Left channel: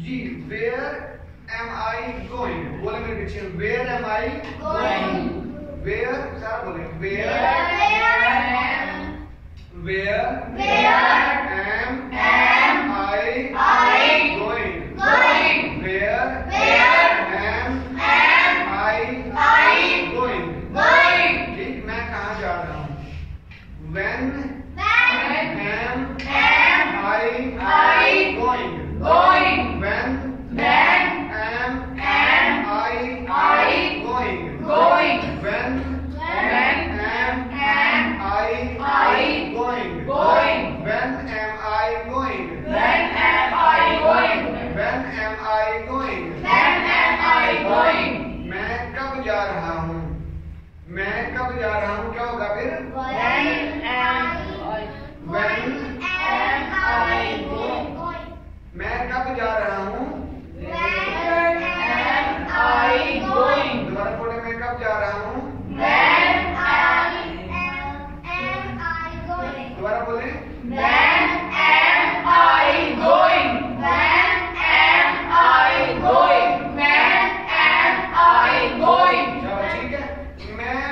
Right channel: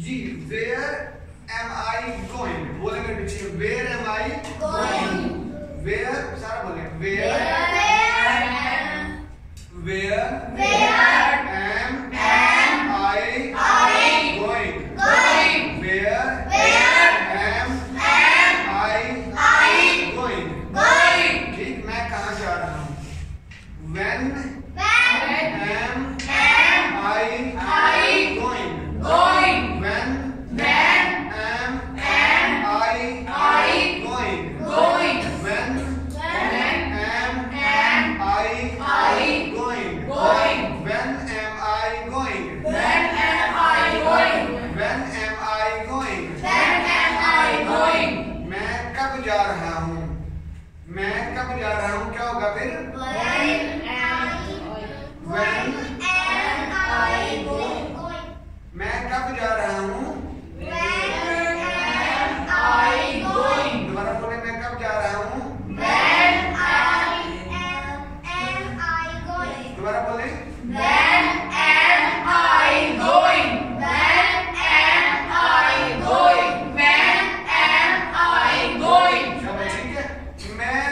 Ji where am I going, बोले मेरे पीछे where am I going, where सारा बोले where am I going, where am I going. ठीक, मैं कहाँ जा रहा हूँ? When am I going, when am I going, when am I going, when am I going, मैं कब जा रहा हूँ? मैं कब जा रहा हूँ क्या होगा फिर? when मैं कब जा रहा हूँ? दोबारा बोले, मैं कब जा रहा हूँ? दोबारा बोले, शाबाश, ठीक है। मैं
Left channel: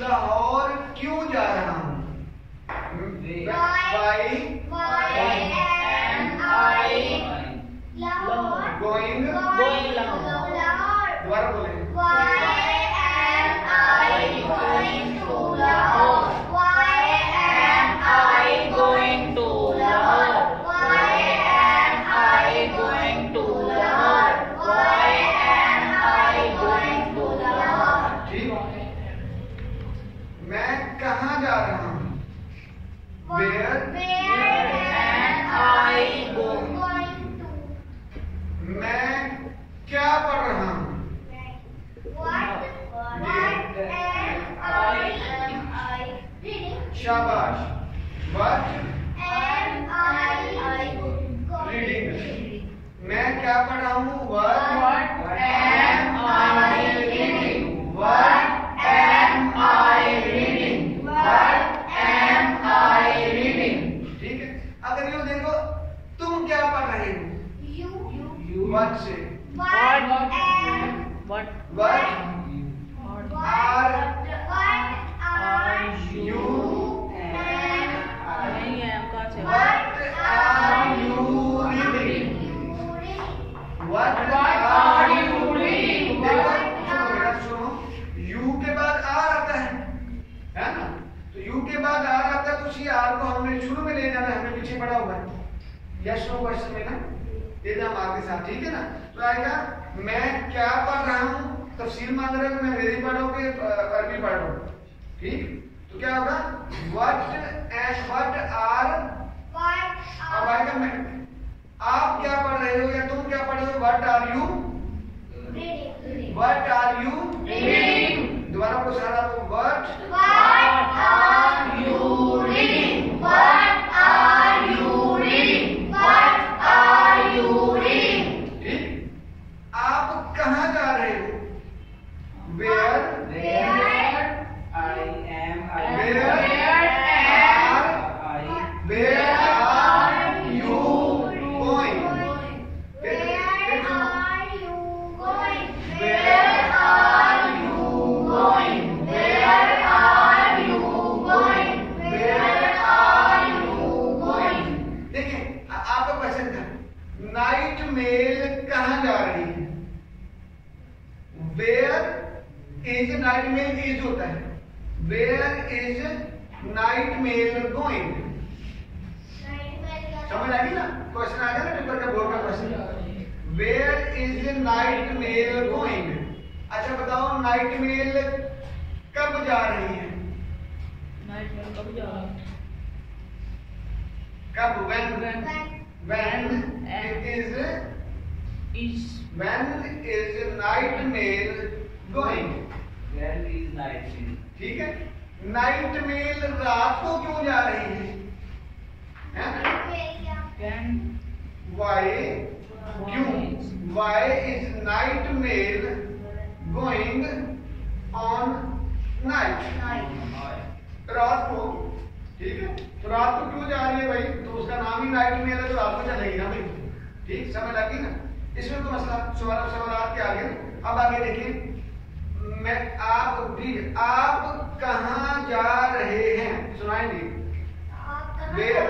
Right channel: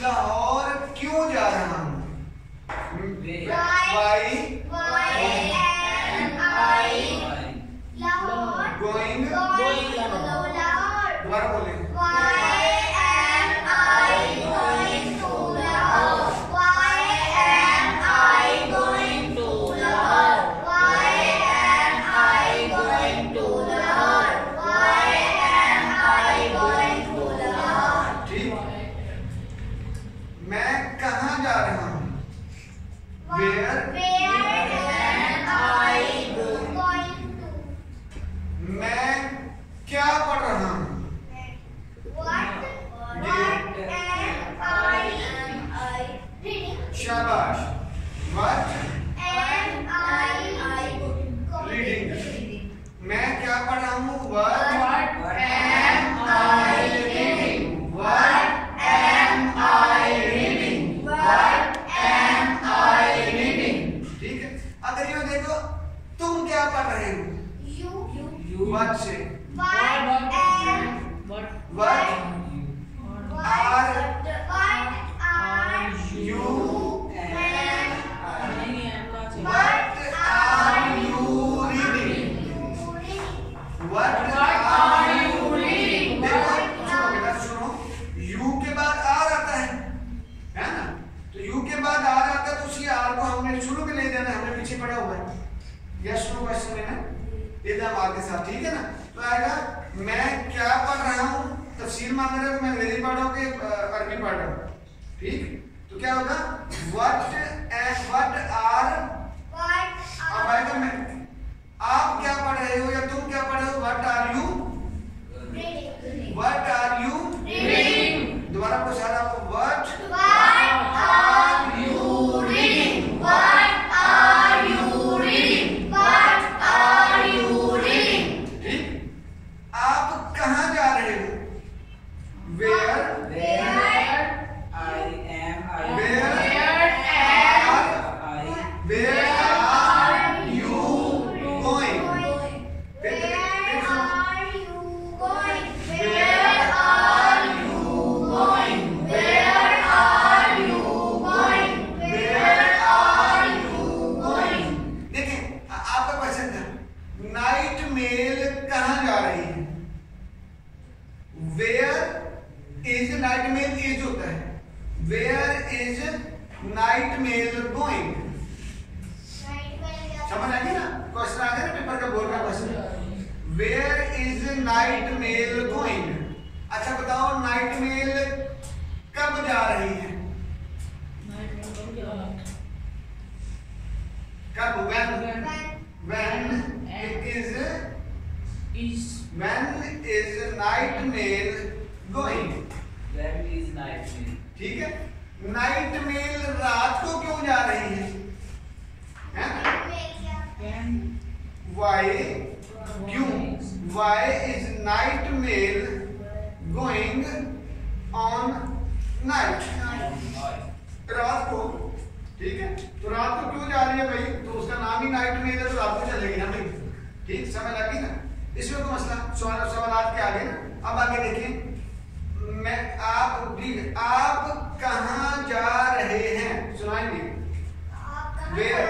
लाहौर क्यों जा रहा हूँ? गोइंग, दोबारा बोले, ठीक। मैं कहाँ जा रहा हूँ? मैं क्या पढ़ रहा हूँ? शाबाश, व्हाट रीडिंग। मैं क्या पढ़ रहा हूँ? What am I reading, what am I reading, what am I reading. ठीक है, अगर यूँ देखो, तुम क्या पढ़ रहे हो? व्हाट से शुरू में ले जाना, हमने पीछे पढ़ा हुआ है यस नो क्वेश्चन में ना, ये हम आगे साथ, ठीक है ना। तो आएगा मैं क्या पढ़ रहा हूँ, तफसील मांग रहे हो कि मैं अंग्रेजी पढ़ रहा हूँ कि अरबी पढ़ रहा हूँ, ठीक। तो क्या होगा? व्हाट आर, अब आएगा मैं, आप क्या पढ़ रहे हो या तुम क्या पढ़ रहे हो? What are you reading. दोबारा पूछ रहा हूँ, व्हाट आर यू रीडिंग, ठीक। आप कहाँ जा रहे हो? वेयर आर यू गोइंग, देखें आपका क्वेश्चन था, नाइट मेल कहाँ जा रही है? Where is night mail, is होता है, where is night mail going. समझ आ गई ना? क्वेश्चन आ गया ना पेपर का, बोर्ड का question, where is night mail going. अच्छा बताओ, नाइट मेल कब जा रही है? कब? when is night mail going? ठीक है, नाइट मेल रात को क्यों जा रही है? Why? क्यों? Why is night mail going on night? रात को, ठीक है। तो रात को क्यों जा रही है भाई? तो उसका नाम ही नाइट मेल है, तो रात को चलेगी ना भाई। ठीक, समझ लगी ना? इसमें कोई मसला सवाल के आगे ना। अब आगे देखिए, आप कहाँ जा रहे हैं, सुनाएंगे। Where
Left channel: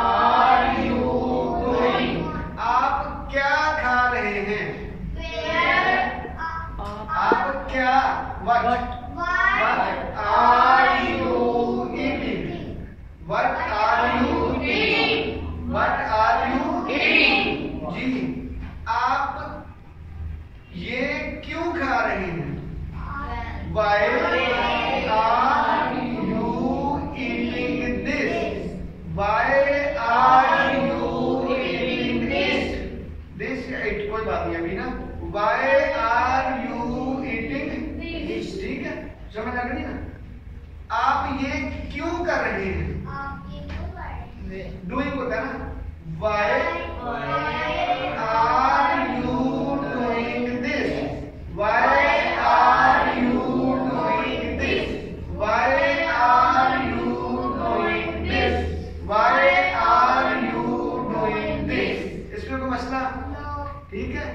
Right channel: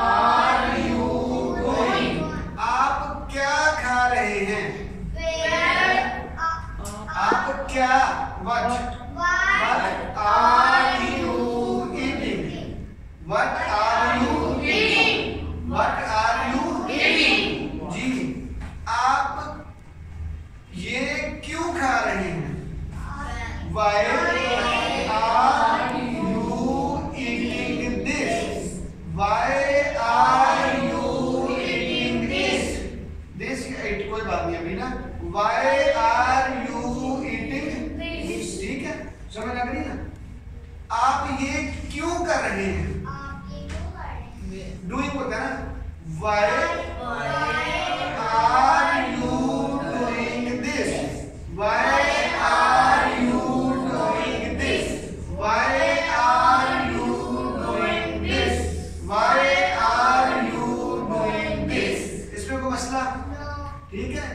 are you going? आप क्या खा रहे हैं? आप क्या what are you eating? What are you eating? जी, आप ये क्यों खा रहे हैं? Why are you eating this? Why are you eating this? This कोई बात नहीं अभी ना। Why are you eating this? ठीक है, समझ आ गई ना? आप ये क्यों कर रहे हैं? Doing होता है ना। Why are you doing this? Why are you doing this? Why are you doing this? Why are you doing this? इसमें कोई मसला? ठीक है।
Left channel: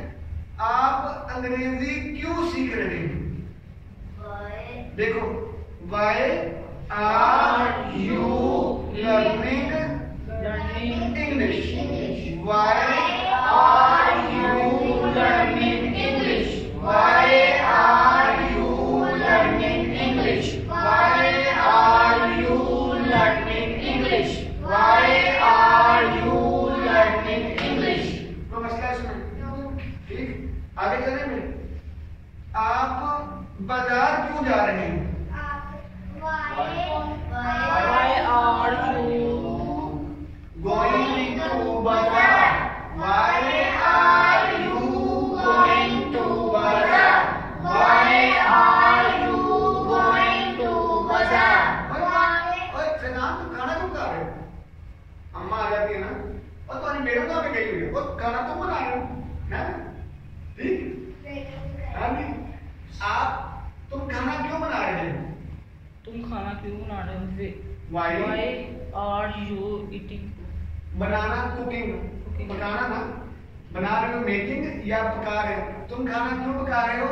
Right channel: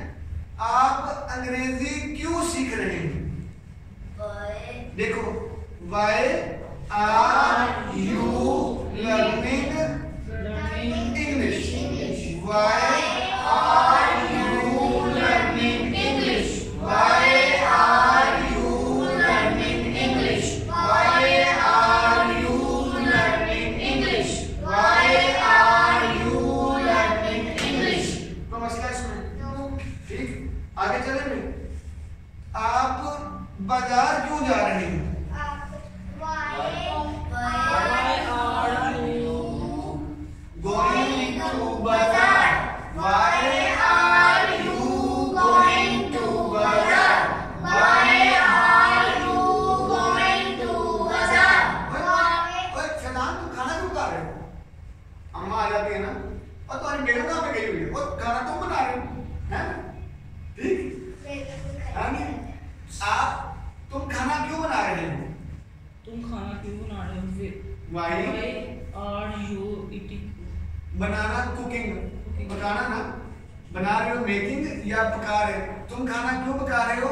आप अंग्रेजी क्यों सीख रहे हैं? देखो, why are you learning English? Why are you learning English? Why are you learning English? Why are you learning English? Why are you learning English? कोई मसला इसमें? ठीक, आगे चले मैं। आप बाजार क्यों जा रहे हैं? Going to bazaar. Why are you going to bazaar? Why are you going to bazaar? ओए फिलहाल तुम खाना क्यों खा रहे हो? अम्मा आ जाती है ना, और तुम्हारी मैडम कहाँ पे गई हुई है? और खाना तुम बना रहे हो, हैं? ठीक? हाँ जी। तुम खाना क्यों बना रहे हो? तुम खाना क्यों बना रहे हो? Why are you eating? Banana, cooking, पकाना ना। बना रहे हो मेकिंग या पका रहे हो? तुम खाना क्यों पका रहे हो?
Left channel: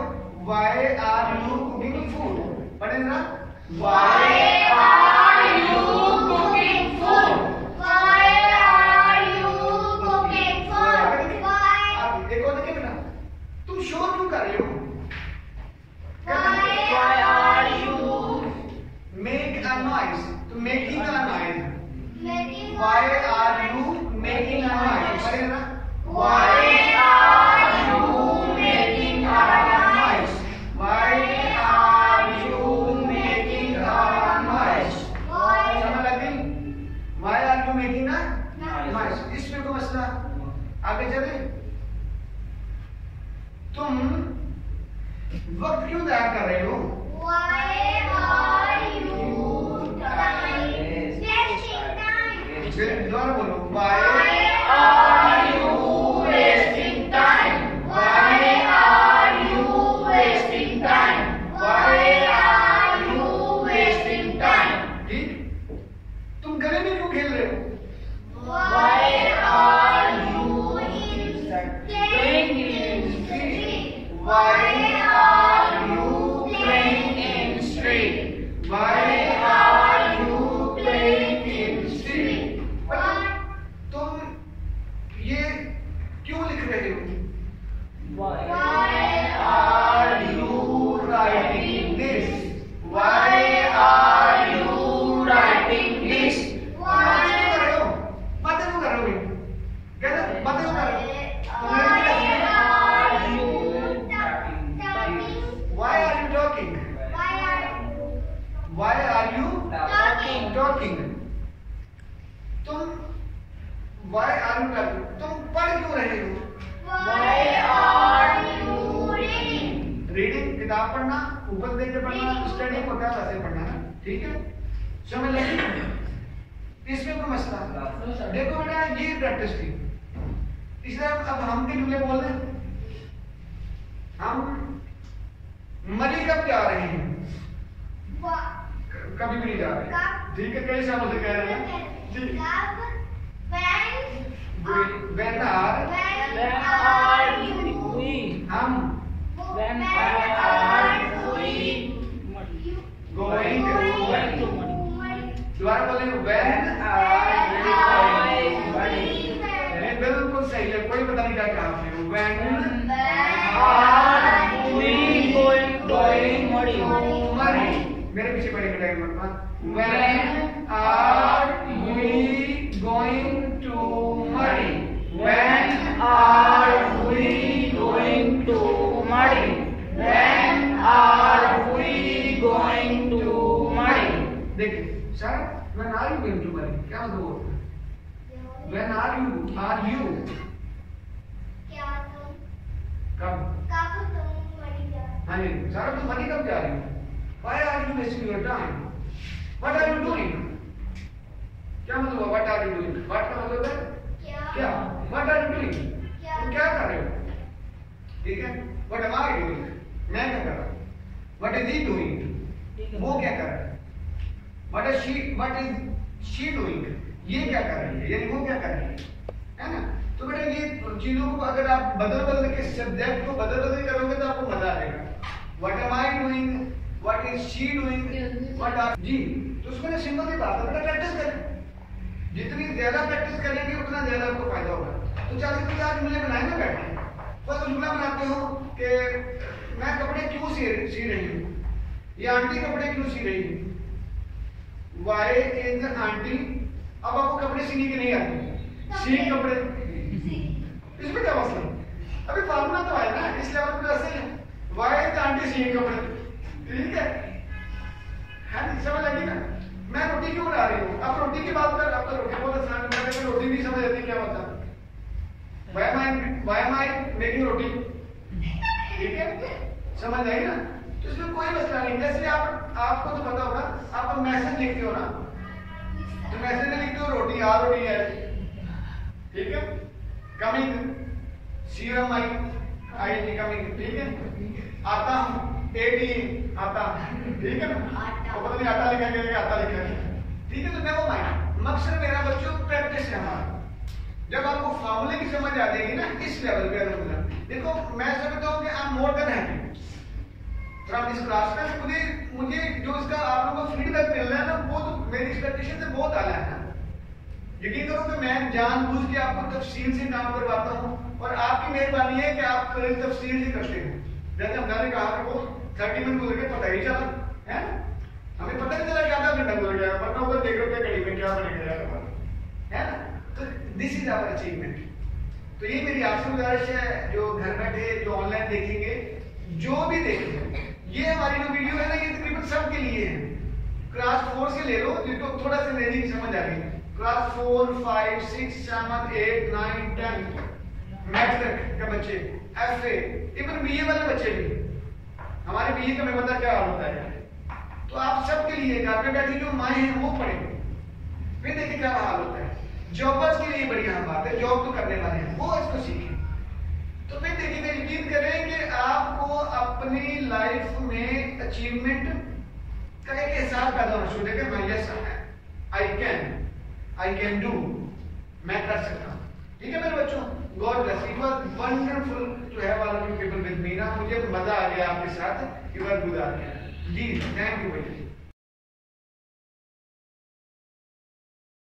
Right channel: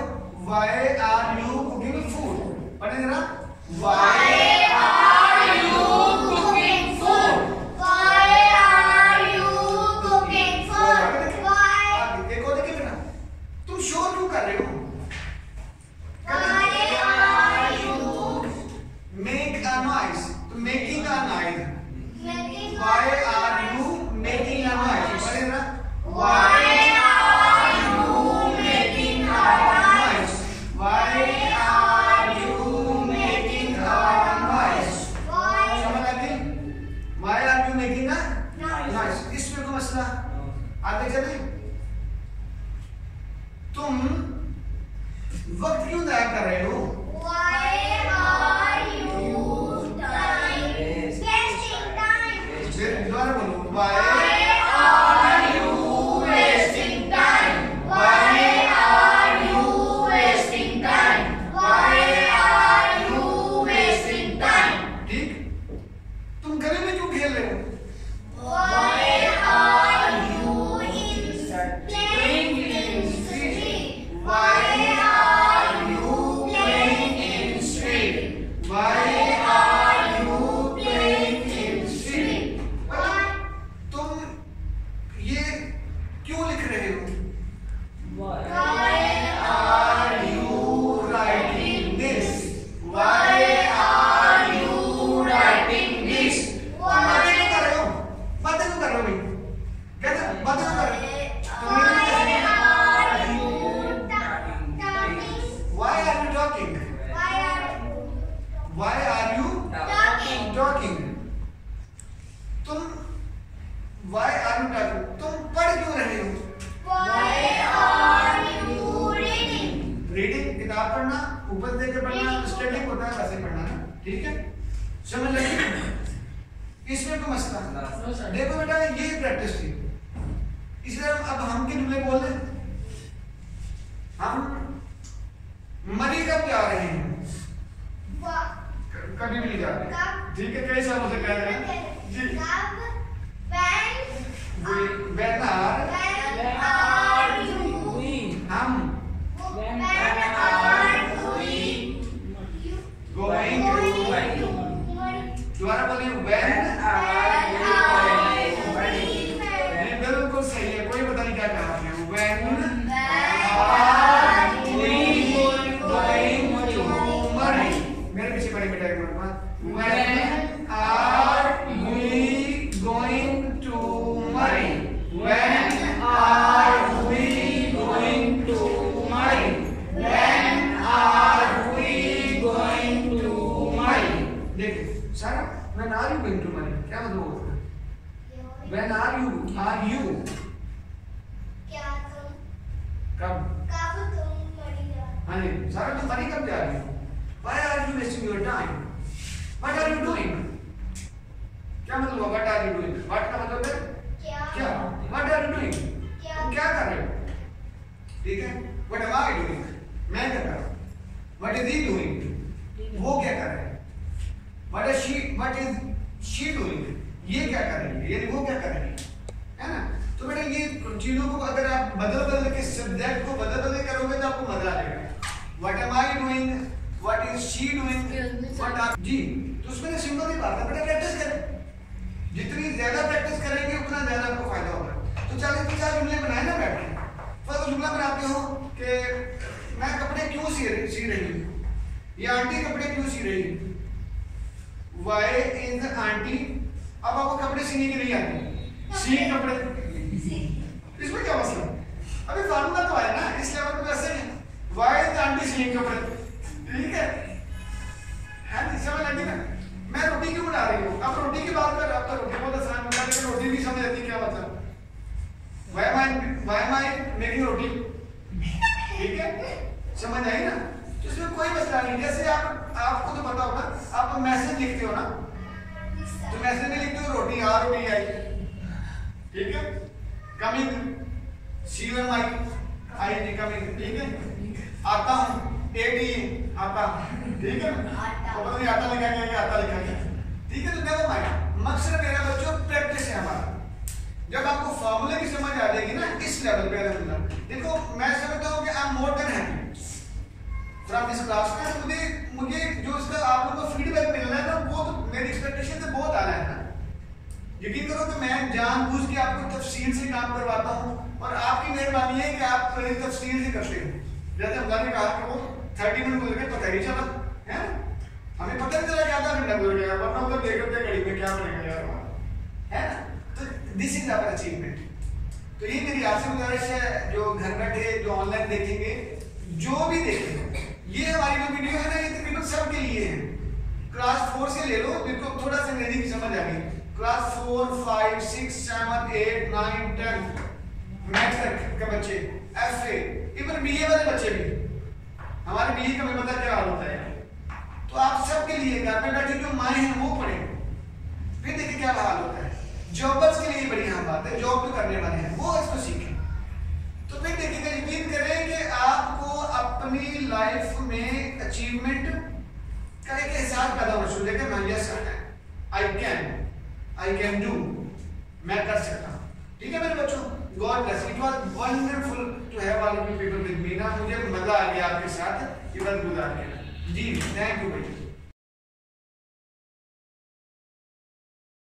Why are you cooking food? पढ़े जरा। Why are you cooking food? Why are you cooking food? Why? एक और देखिए बेटा, तुम शोर क्यों कर रहे हो? Why are you make a noise? तो making a noise। making Why are you making a noise? पढ़े जरा। Why are you making a noise? Why are you making a noise? समझ लगी? Why are you making a noise? इसमें कोई मसला? आगे चले। तुम वक्त क्यों ज़ाया कर रहे हो? Why are you wasting time? फिर दोबारा बोलो। Why are you wasting time? Why are you wasting time? Why are you wasting time? ठीक? तुम गली में क्यों खेल रहे हो? Why are you playing in street? Why are you playing in street? Why are you playing in street? Why? तुम ये क्यों लिख रहे हो? Why Are you writing this? Why are you writing this? बातें क्यों कर रहे हो? बातें क्यों कर रहे हो भाई? कहते बातें क्यों कर रहे हो? तुमने तो कैसे लिखा? Why are you talking? Why are you talking? तुम why are you talking? तुम पढ़ क्यों रहे हो? Why are you reading? Reading, किताब पढ़ना, ऊपर देख के पढ़ना, स्टडिंग होता है वैसे पढ़ना ना। ठीक है, समझ लगी? इसमें कोई मसला? देखो बेटा, ये प्रैक्टिस थी। इसलिए अब हम के जुमले बोल रहे हैं। हम मरी कब जा रहे हैं? कभी भी नहीं जा रहे। ठीक है, कई सालों से कह रहे हैं जी। when are we हम when are we going to दोबारा बोले when are we going ये बिल्कुल सही है, कोई पता नहीं क्या कहा आपने। when are we going to money मेरे पीछे पढ़े बेटा एक बार when are we going to money when are we going to money when are we going to money देखिए सारा when are you going to money क्या मतलब होता है when are you कब हाँ जी सारा तुम मनी कब जा रही हो why are you wasting your time what are you doing क्या मतलब हुआ what are you doing what का मतलब है क्या what are you doing तुम क्या कर रहे हो ठीक है what am I doing मैं क्या कर रहा हूँ what is he doing वो क्या कर रहा है what is she doing ये क्या कर रही है यानी वो क्या कर रही है ना। तो बेटा ये चीजों को अगर आप बदल के सब्जेक्ट को बदल के करोगे तो आपको मजा आएगा। what am I doing what is she doing what are जी तो उसमें सिंपल सी बात है बेटा प्रैक्टिस करें, जितनी ज्यादा प्रैक्टिस करेंगे उतना ज्यादा आपको फायदा होगा। तो चलिए 50 जुमले बनाए ना बैठ के। फर्स्ट जुमला बनाते हो कि मैं कपड़े क्यों सी रही हूँ, ये आंटी कपड़े क्यों सी रही है। Why is the आंटी, अब आपको कपड़े सीने की नहीं आती, सी कपड़े, इसमें क्या मसला, अभी फार्मूला तो आया ना, इस लेवल पे ऐसे है। Why is the आंटी सी कपड़े, ठीक है, हाँ जी समझ लगी ना। मैं रोटी क्यों बना रही हूँ, अब रोटी की बात कर, आपका रोटी बहुत आसान है, मैं रोटी भी समझ आती है क्या मतलब। Why am I making रोटी, ठीक है, समझ आई ना। तो इसमें कोई मसला नहीं, जैसे आपको तो पता होगा, आप मैसेज लिखते हो ना, तो मैसेज में लिखते हो रोटी आ रोटी आई, ठीक है, कमिंग सीरम आई कमिंग, ठीक है, आता हूँ एटी आता, ठीक है ना, वो पता नहीं आता लिखा गया आता लिखा गया, ठीक है। तो देखो भाई मकसद मेरा बच्चों प्रैक्टिस है हमारा। जब आपको फॉर्मूले की समझ आ जाएगी ना इस लेवल पे, देखो मैं समझता हूँ कि I am more than happy from this class में। मुझे जो इसका आप लोगों को फीडबैक मिल रहा है ना, वो तो मेरी एक्सपेक्टेशन से बहुत आला है ना। यकीन करो कि मैं जानबूझ के आपको तफसील से काम करवाता हूँ और आपकी मेहरबानी है कि आप तफसील से करते हो। जैसे हमने कहा कि वो 30 मिनट गुजर गए पता ही चला है ना, हमें पता नहीं चला कि आधा घंटा गुजर गया, वरना उधर देख रहे थे घड़ी में क्या बनेगा यार हमारा, है ना। तो दिस इज आवर अचीवमेंट। तो ये मेरी आपसे गुजारिश है, जो घर बैठे जो ऑनलाइन देखेंगे, जो भी देखेंगे, ये हमारी जो वीडियो है ना, ये तकरीबन सबके लिए है। क्लास 4 से ले लो जिनको थोड़ा सा अंग्रेजी की समझ आ गई, क्लास 4, 5, 6, 7, 8, 9, 10 मैथ तक के बच्चे, FA, इवन BA वाले बच्चे भी, हमारे BA का मैं पता क्या हाल होता है। तो आप सबके लिए घर में बैठे जो माएँ हैं वो पढ़ेंगे, फिर देखिए क्या हाल होता है। जॉबर्स के लिए बढ़िया बात है, जॉब जो करने वाले हैं वो इसको सीखें, तो फिर देखिएगा, यकीन करें कि आपको अपनी लाइफ में अचीवमेंट का एक एहसास पैदा होना शुरू होगा। हाँ यस आई कैन डू, मैं कर सकता हूँ, ठीक है मेरे बच्चों। God bless, it was wonderful to have all of you people with me ना, मुझे मजा आ गया आपके साथ ये वक्त गुजार के। जी थैंक यू बेटा।